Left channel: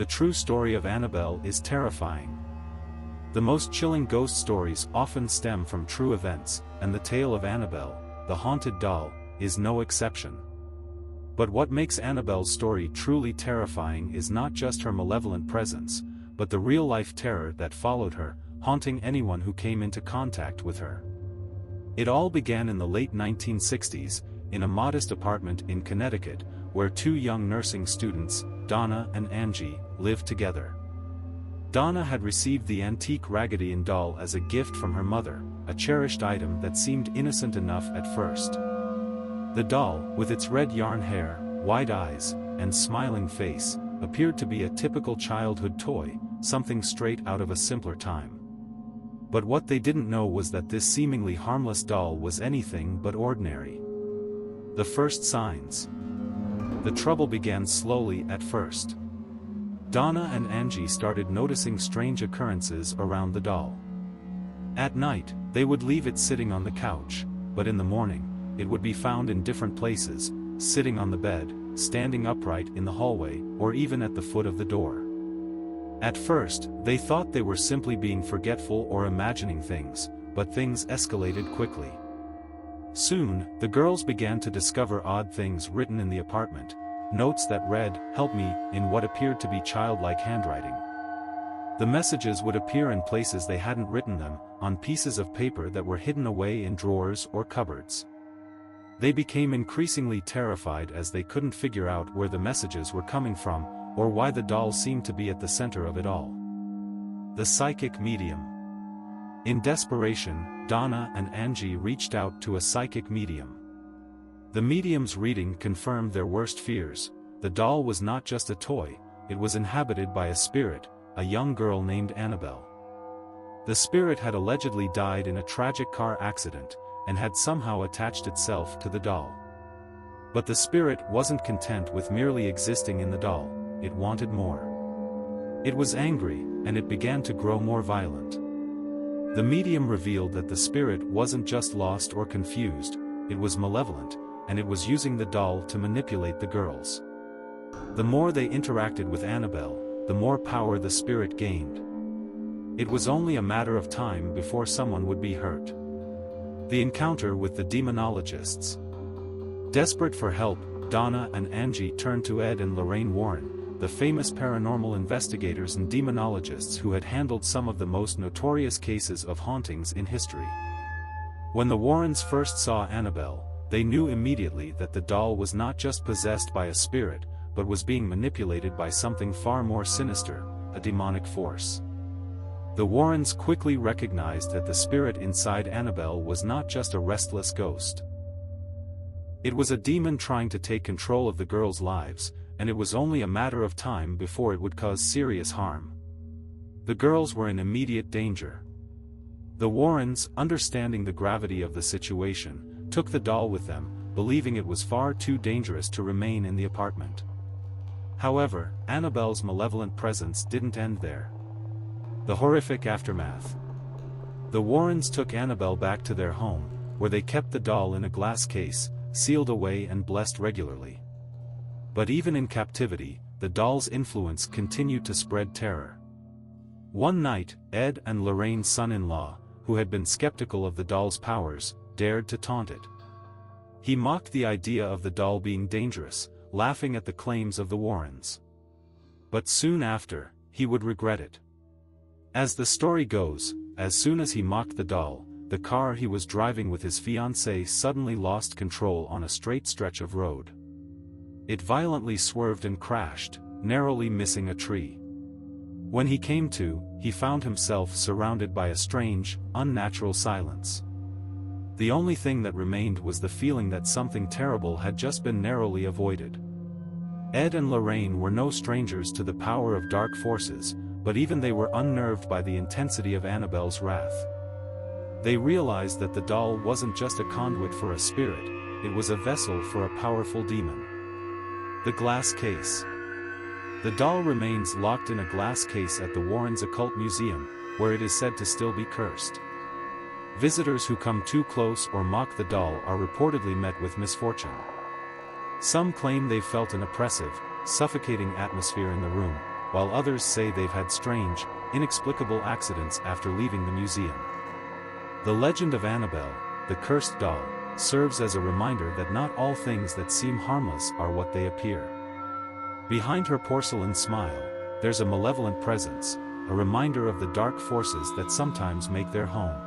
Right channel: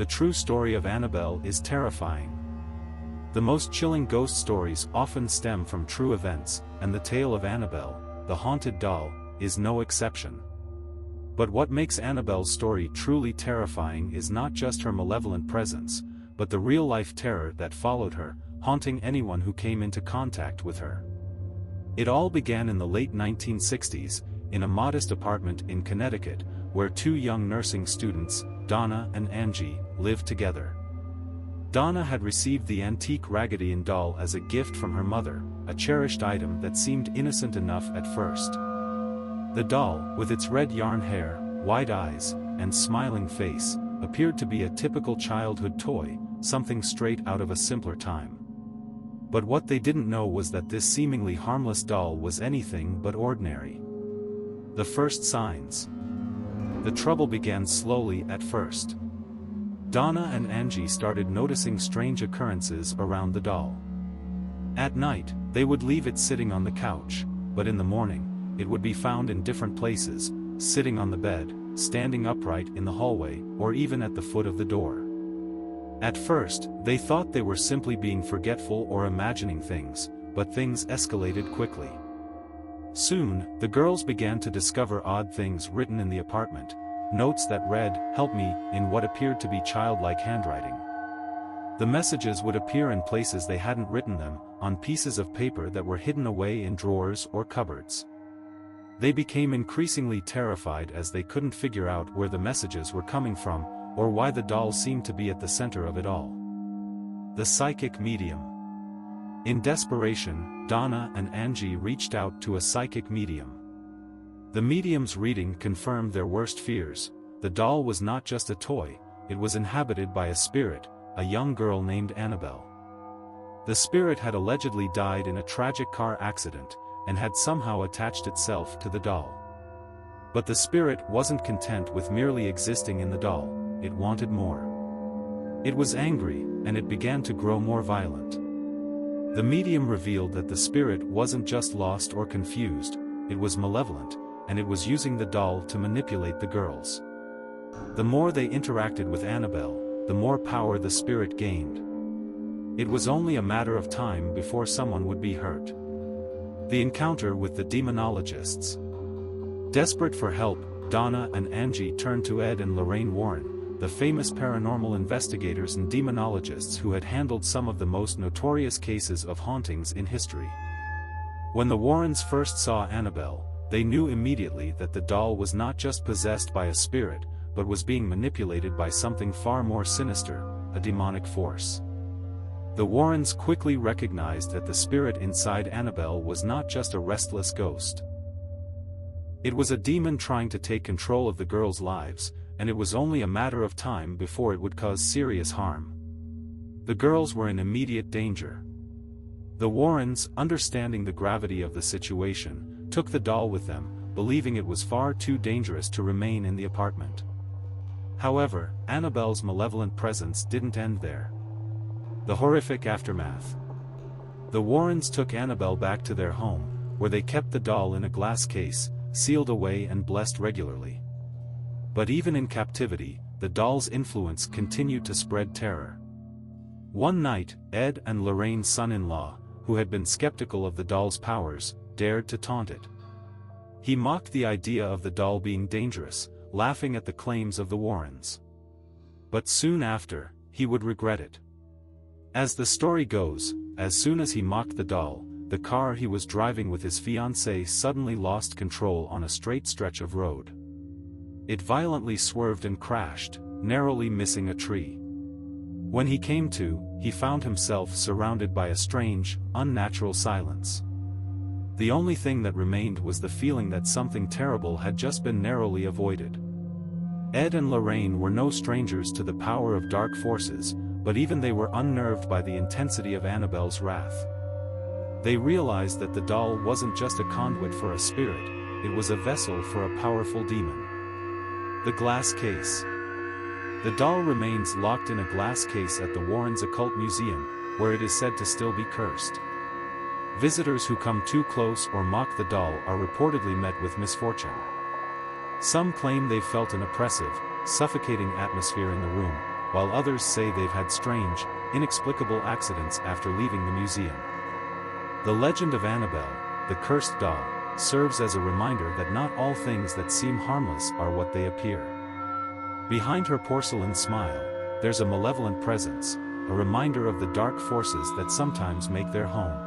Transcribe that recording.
The true story of Annabelle is terrifying. The most chilling ghost stories often stem from true events, and the tale of Annabelle, the haunted doll, is no exception. But what makes Annabelle's story truly terrifying is not just her malevolent presence, but the real-life terror that followed her, haunting anyone who came into contact with her. It all began in the late 1960s, in a modest apartment in Connecticut, where two young nursing students, Donna and Angie, lived together. Donna had received the antique Raggedy Ann doll as a gift from her mother, a cherished item that seemed innocent enough at first. The doll, with its red yarn hair, wide eyes, and smiling face, appeared to be a typical childhood toy, something straight out of a simpler time. But what they didn't know was that this seemingly harmless doll was anything but ordinary. The first signs. The trouble began slowly at first. Donna and Angie started noticing strange occurrences around the doll. At night, they would leave it sitting on the couch, but in the morning, it would be found in different places, sitting on the bed, standing upright in the hallway, or even at the foot of the door. At first, they thought they were simply being forgetful or imagining things, but things escalated quickly. Soon, the girls began to discover odd things written in the apartment, notes that read, "Help me," in what appeared to be childlike handwriting. The messages would appear in places they hadn't written them, on pieces of paper that were hidden away in drawers or cupboards. They became increasingly terrified as they couldn't figure out where the messages were coming from, or why the doll seemed to be at the center of it all. The psychic medium. In desperation, Donna and Angie reached out to a psychic medium. The medium's reading confirmed their worst fears. The doll was not just a toy, it was inhabited by a spirit, a young girl named Annabelle. The spirit had allegedly died in a tragic car accident, and had somehow attached itself to the doll. But the spirit wasn't content with merely existing in the doll, it wanted more. It was angry, and it began to grow more violent. The medium revealed that the spirit wasn't just lost or confused, it was malevolent, and it was using the doll to manipulate the girls. The more they interacted with Annabelle, the more power the spirit gained. It was only a matter of time before someone would be hurt. The encounter with the demonologists. Desperate for help, Donna and Angie turned to Ed and Lorraine Warren, the famous paranormal investigators and demonologists who had handled some of the most notorious cases of hauntings in history. When the Warrens first saw Annabelle, they knew immediately that the doll was not just possessed by a spirit, but was being manipulated by something far more sinister, a demonic force. The Warrens quickly recognized that the spirit inside Annabelle was not just a restless ghost. It was a demon trying to take control of the girls' lives, and it was only a matter of time before it would cause serious harm. The girls were in immediate danger. The Warrens, understanding the gravity of the situation, took the doll with them, believing it was far too dangerous to remain in the apartment. However, Annabelle's malevolent presence didn't end there. The horrific aftermath. The Warrens took Annabelle back to their home, where they kept the doll in a glass case, sealed away and blessed regularly. But even in captivity, the doll's influence continued to spread terror. One night, Ed and Lorraine's son-in-law, who had been skeptical of the doll's powers, dared to taunt it. He mocked the idea of the doll being dangerous, laughing at the claims of the Warrens. But soon after, he would regret it. As the story goes, as soon as he mocked the doll, the car he was driving with his fiancée suddenly lost control on a straight stretch of road. It violently swerved and crashed, narrowly missing a tree. When he came to, he found himself surrounded by a strange, unnatural silence. The only thing that remained was the feeling that something terrible had just been narrowly avoided. Ed and Lorraine were no strangers to the power of dark forces, but even they were unnerved by the intensity of Annabelle's wrath. They realized that the doll wasn't just a conduit for a spirit, it was a vessel for a powerful demon. The glass case. The doll remains locked in a glass case at the Warrens' Occult Museum, where it is said to still be cursed. Visitors who come too close or mock the doll are reportedly met with misfortune. Some claim they felt an oppressive, suffocating atmosphere in the room, while others say they've had strange, inexplicable accidents after leaving the museum. The legend of Annabelle, the cursed doll, serves as a reminder that not all things that seem harmless are what they appear. Behind her porcelain smile, there's a malevolent presence, a reminder of the dark forces that sometimes make their home.